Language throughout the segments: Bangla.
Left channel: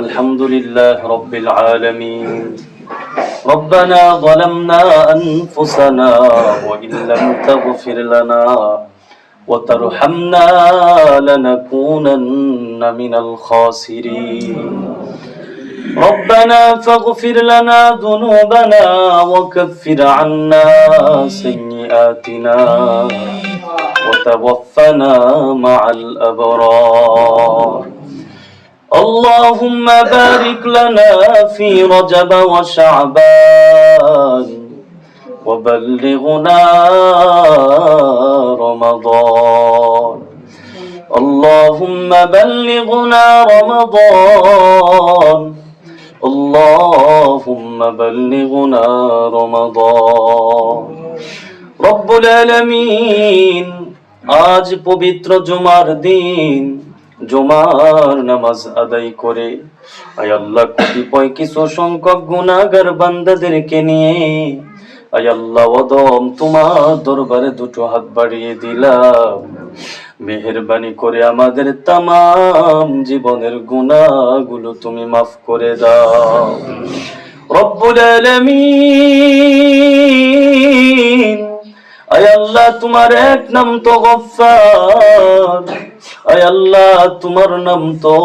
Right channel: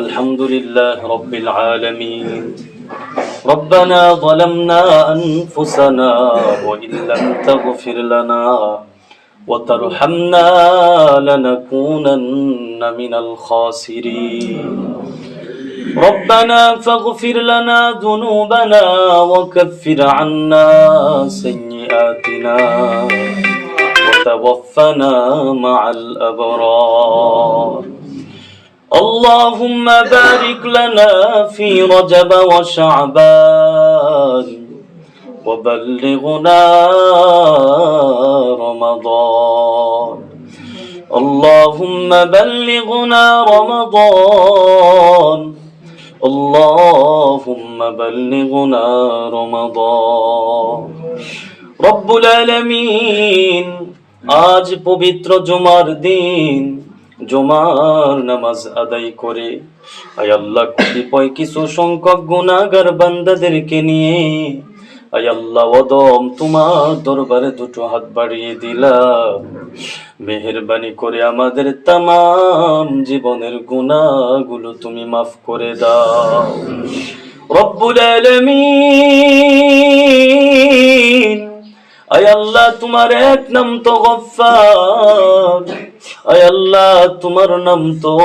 الحمد لله رب العالمين. ربنا ظلمنا أنفسنا وإن لم تغفر لنا وترحمنا لنكونن من الخاسرين. ربنا فاغفر لنا ذنوبنا وكفر عنا سيئاتنا وتوفنا مع الأبرار. اللهم بارك لنا في رجب وشعبان وبلغنا رمضان. اللهم بلغنا رمضان. اللهم بلغنا رمضان. রব্বুল আলামিন, আজ পবিত্র জুমার দিন, জুমার নামাজ আদায় করে আয় আল্লাহ কতিপয় কিছু সংখ্যক গুনাহগার বান্দাদেরকে নিয়ে আয় আল্লাহ ওদম তোমার দরবারে দুটো হাত বাড়িয়ে দিলাম। মেহেরবানি করে আমাদের তামাম জীবনের গুনাহগুলো তুমি মাফ করে দাও রব্বুল আলামিন। আয় আল্লাহ, তোমার এক নাম তো গফফার, আয় আল্লাহ তোমার নাম তো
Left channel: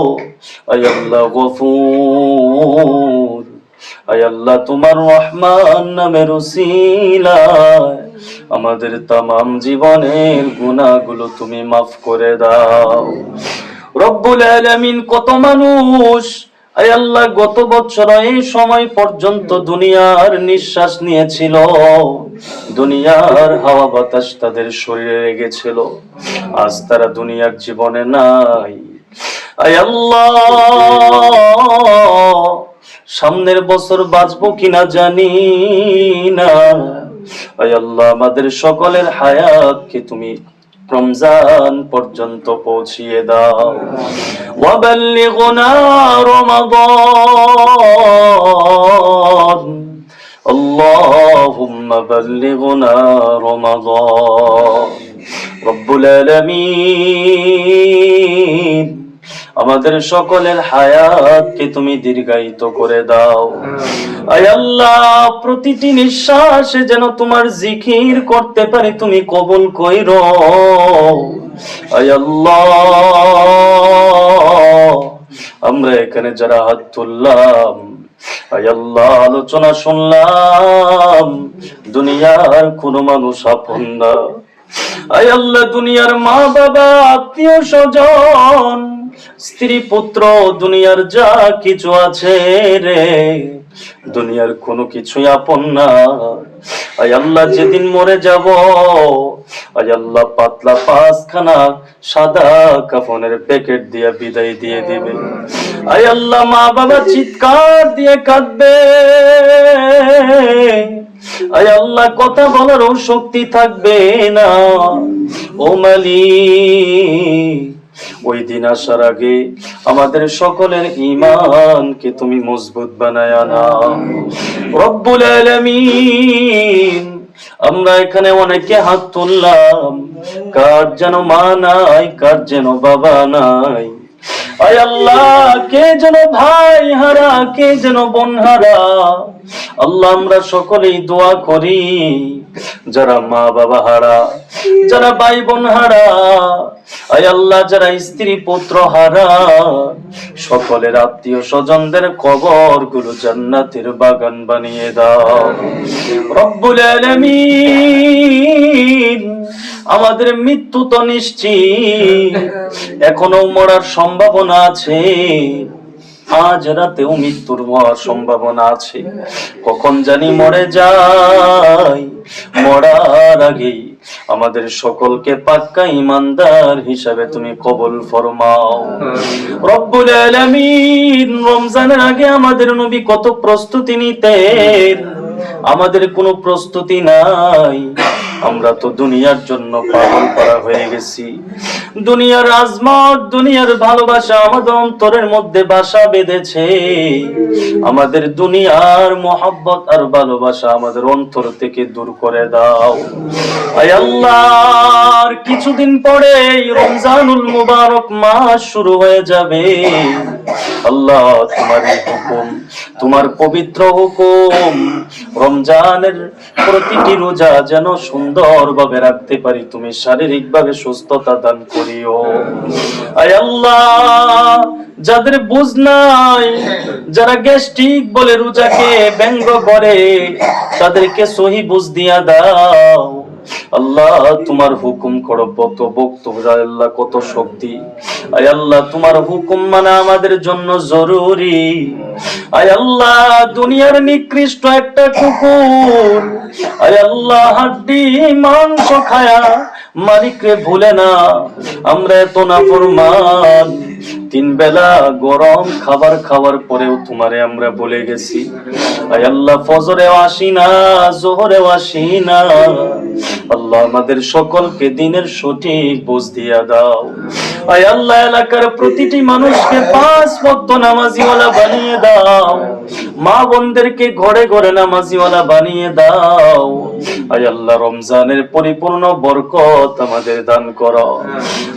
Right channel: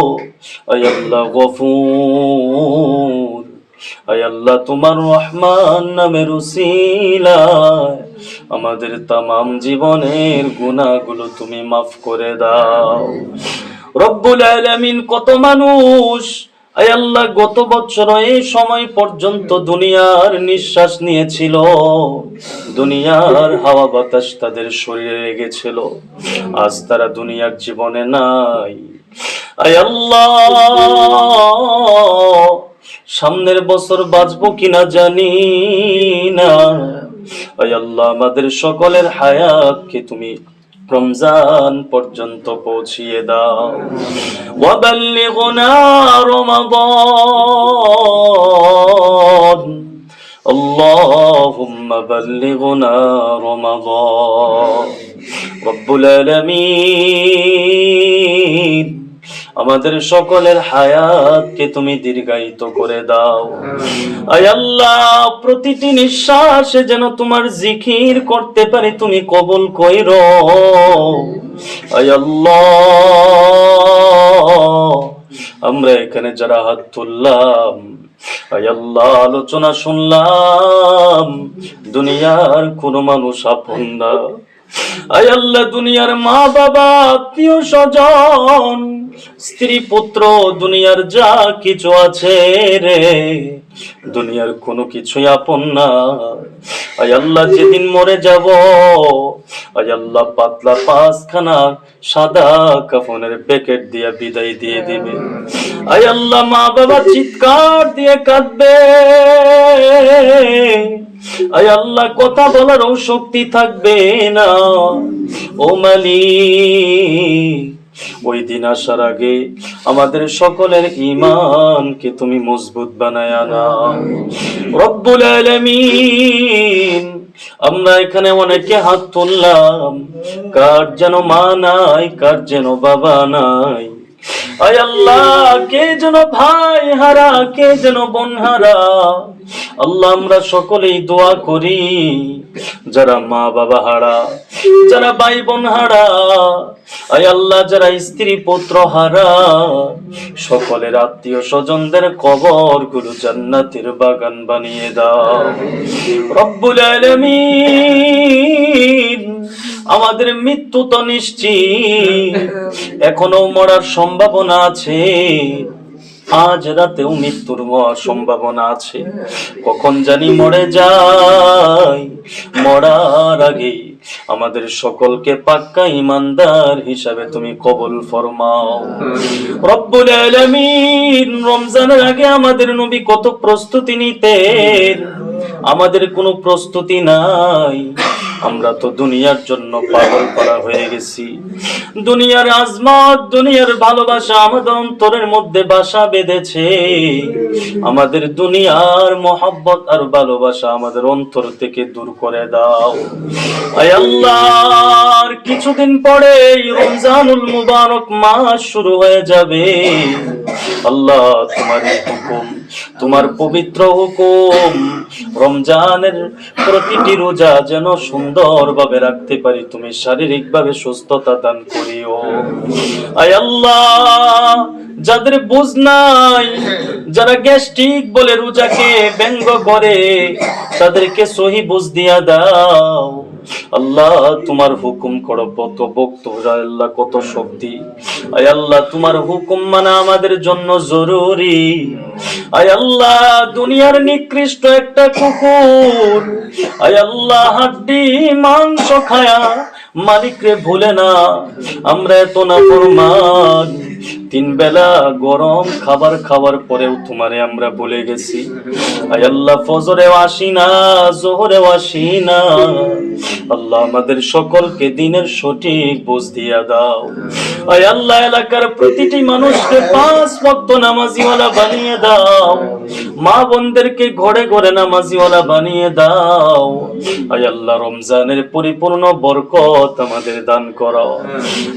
আয় আল্লাহ গফুর, আয় আল্লাহ তোমার রহমান নামের উসিলায় আমাদের তামাম জীবনের গুনাহগুলো তুমি মাফ করে দাও রব্বুল আলামিন। কত মানুষ আয় আল্লাহ গত বছর এই সময় পর্যন্ত দুনিয়ার নিঃশ্বাস নিয়েছিল, দুনিয়ার হাওয়া বাতাস তাদের শরীরে লেগেছিল, আজ তারা দুনিয়ার জীবনে নাই। আয় আল্লাহ, সামনের বছর বাঁচবো কিনা জানি না। আয় আল্লাহ, আমাদের সকলের হায়াতকে তুমি রমজান পর্যন্ত পৌঁছিয়ে দাও। ওয়াবাল্লিগনা রমাদান, আল্লাহুম্মা বাল্লিগনা রমাদান। রব্বুল আলামিন, আমাদের সকলের হায়াতকে তুমি দীর্ঘায়িত করে দাও। আয় আল্লাহ, প্রতিটি নিঃশ্বাসে যেন তোমার জিকির করতে পারি, তুমি কবুল কইরো। আয় আল্লাহ, আমরা এখানে যারা হাত তুললাম, আয় আল্লাহ আলোচনা শুনলাম, দুনিয়ার কোনো মানুষ আপন না। আয় আল্লাহ, দুনিয়ার মা বাবা, আত্মীয় স্বজন, স্ত্রী পুত্র, দুনিয়ার যা কিছু আছে রে, দুনিয়ার কোনো কিছুই আপন না। আয় আল্লাহ, যেদিন মরে যাব, আয় আল্লাহ পাতলা পাঁচখানা সাদা কাফনের প্যাকেট দিয়ে বিদায় দিয়ে দিবে। আয় আল্লাহ, মা বাবা চিৎকার দিয়ে কাঁদবে। আয় আল্লাহ, কথা বলারও শক্তি থাকবে না। ও মালিক, ওই দিন আসার আগে আমাদের সকলের ঈমানকে তুমি মজবুত বানায়া নাও রব্বুল আলামিন। আমরা এখানে অনেকে হাত তুললাম, কার যেন মা নাই, কার যেন বাবা নাই। আয় আল্লাহ, কে যেন ভাই হারা, কে যেন বোন হারা। আল্লাহ, আমরা সকলেই দোয়া করি, যারা মা বাবা হারা, যারা ভাই বোন হারা, আয় আল্লাহ যারা স্ত্রী পুত্র হারা, সকলের আত্মীয় স্বজনদের কবর গুলো জান্নাতের বাগান বানিয়ে দাও রব্বুল আলামিন। আমাদের মৃত্যু তো নিশ্চিত, এখনো মরার সম্ভাবনা আছে, আজ রাতেও মৃত্যুর হওয়ার সম্ভাবনা আছে। কখন জানি মরে যাই, মরার আগে আমাদের সকলকে পাক্কা ইমানদার হিসাবে তুমি কবুল ফরমাও রব্বুল আলামিন। রমজানের আগে আমাদের নবী কত প্রস্তুতি নিতেন, আমাদের কোনো প্রস্তুতি নাই। আমরা তো দুনিয়ার জন্য পাগল করা হয়ে গেছি। দুনিয়ার আজমত, দুনিয়ার ভালোবাসা আমাদের অন্তরের মধ্যে বাসা বেঁধেছে। আমাদের দুনিয়ার মোহাব্বত আর ভালোবাসা আমাদের অন্তর থেকে দূর করে দাও। আয় আল্লাহ, আর কিছুদিন পরে রমজানুল মুবারক মাস শুরু হয়ে যাবে। আল্লাহ, তোমার হুকুম, তোমার পবিত্র হুকুম, রমজানের প্রতিটি রোজা যেন সুন্দরভাবে রাখতে পারি, তুমি শারীরিকভাবে সুস্থতা দান করিও। আয় আল্লাহ, যাদের বুঝ নাই, যারা গ্যাস্ট্রিক বলে রোজাকে ব্যঙ্গ করে, তাদেরকে সহি বুঝ দিয়া দাও। আল্লাহ, তোমার হুকুম করো, কত বক্তব্য, আল্লাহ কত শক্তি। আয় আল্লাহ, তোমার হুকুম মানা আমাদের জন্য জরুরি। আয় আল্লাহ, দুনিয়ার নিকৃষ্ট একটা কুকুর, আয় আল্লাহ, হাড্ডি মাংস খায়া মালিকরে ভুলে না। আমরা এত নাফরমান, 3 বেলা গরম খাবার খাওয়ার পরেও তোমারে আমরা ভুলে গেছি। আয় আল্লাহ, ফজরেও আসি না, জোহরেও আসি না। আল্লাহ, আমাদের সকলকে দিনের সঠিক বুঝ দিয়া দাও। আয় আল্লাহ, এলাকার প্রতিটি মানুষকে 5 ওয়াক্ত নামাজিওয়ালা বানিয়ে দাও। মা বোনদেরকে ঘরে ঘরে নামাজিওয়ালা বানিয়ে দাও। আয় আল্লাহ, রমজানের পরিপূর্ণ বরকত আমাদের দান করো।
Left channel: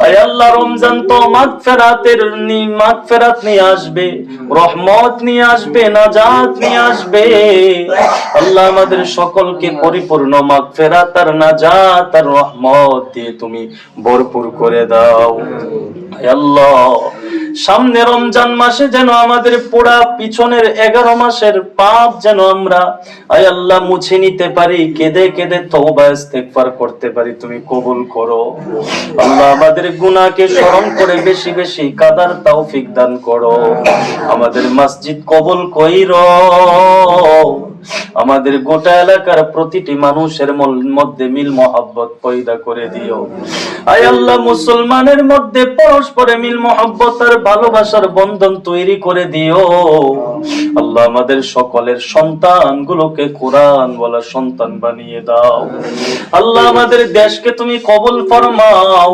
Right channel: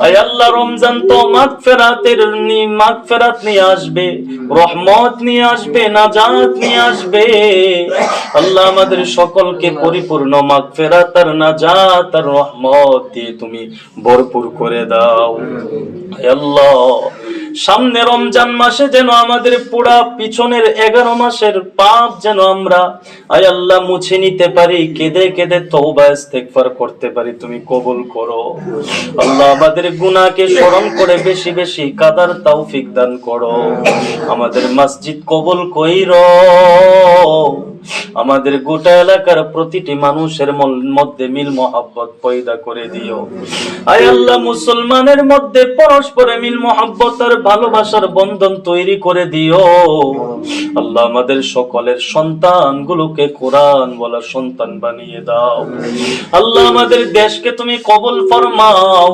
আয় আল্লাহ, রমজান তো মাগফিরাত নিয়ে আসবে, রহমত নিয়ে আসবে, নাজাত নিয়ে আসবে। আল্লাহ, আমাদের সকলকে পরিপূর্ণ মাগফিরাত আর নাজাত আর রহমত দিয়ে তুমি ভরপুর করে দাও। আয় আল্লাহ, সামনে রমজান মাসে যেন আমাদের পুরা পিছনের 11 মাসের পাপ যেন আমরা, আয় আল্লাহ, মুছে নিতে পারি, কেঁদে কেঁদে তওবা ইস্তেগফার করতে পারি, তুমি কবুল করো। আল্লাহ, আমাদের গুনাহকে স্মরণ করে বেশি বেশি কাদার তৌফিক দান করো। আমাদের মসজিদ কবুল কইরো। আমাদের গোটা এলাকার প্রতিটি মানুষের মধ্যে মিল মহব্বত পয়দা করে দিও। আয় আল্লাহ, মুসলমানের মধ্যে পরস্পরে মিল মহব্বত আর ভালোবাসার বন্ধন তৈরি করে দিও। আল্লাহ, আমাদের সকলের সন্তানগুলোকে কোরআন বলা সন্তান বানিয়ে দাও। আল্লাহ, আমাদের দেশকে তুমি কবুল ফরমাও।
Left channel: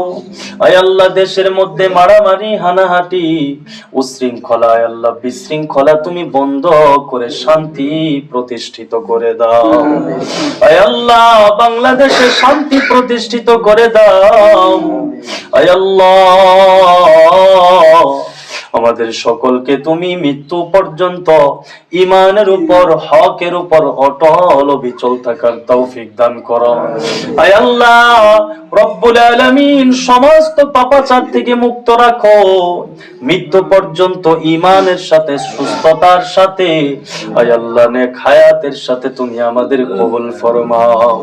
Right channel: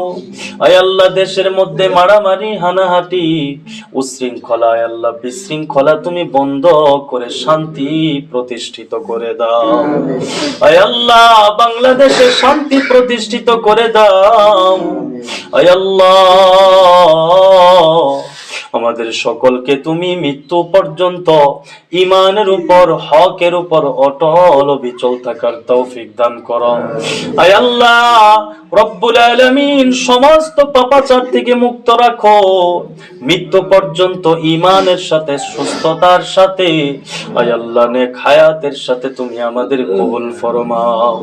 আয় আল্লাহ, দেশের মধ্যে মারামারি, হানাহাটি, উশৃঙ্খলা, আয় আল্লাহ, বিশৃঙ্খলা তুমি বন্ধ করে শান্তি প্রতিষ্ঠিত করে দাও। আয় আল্লাহ, বাংলাদেশে শান্তি প্রতিষ্ঠিত করে দাও। আয় আল্লাহ, আমাদের সকলকে তুমি মৃত্যু পর্যন্ত ঈমানের উপর, হকের উপর অটল অবিচল থাকার তৌফিক দান করো। আয় আল্লাহ রব্বুল আলামিন, সমস্ত পাপাচার থেকে মুক্ত রাখো। মৃত্যু পর্যন্ত ঈমানের সাথে, সুস্থতার সাথে, আয় আল্লাহ, নেক হায়াতের সাথে তুমি আমাদের কবুল ফরমাও।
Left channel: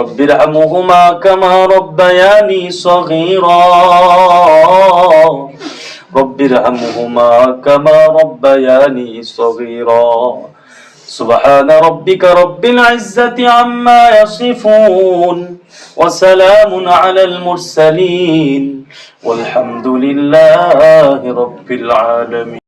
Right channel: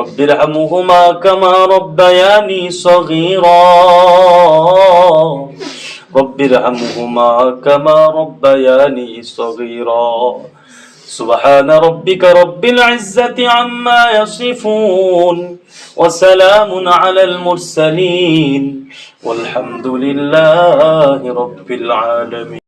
রব্বিরহামহুমা কামা রব্বায়ানি সগীরা, রব্বিরহামহুমা কামা রব্বায়ানি সগীরা। سبحان ربك رب العزة عما يصفون وسلام على المرسلين والحمد لله رب العالمين.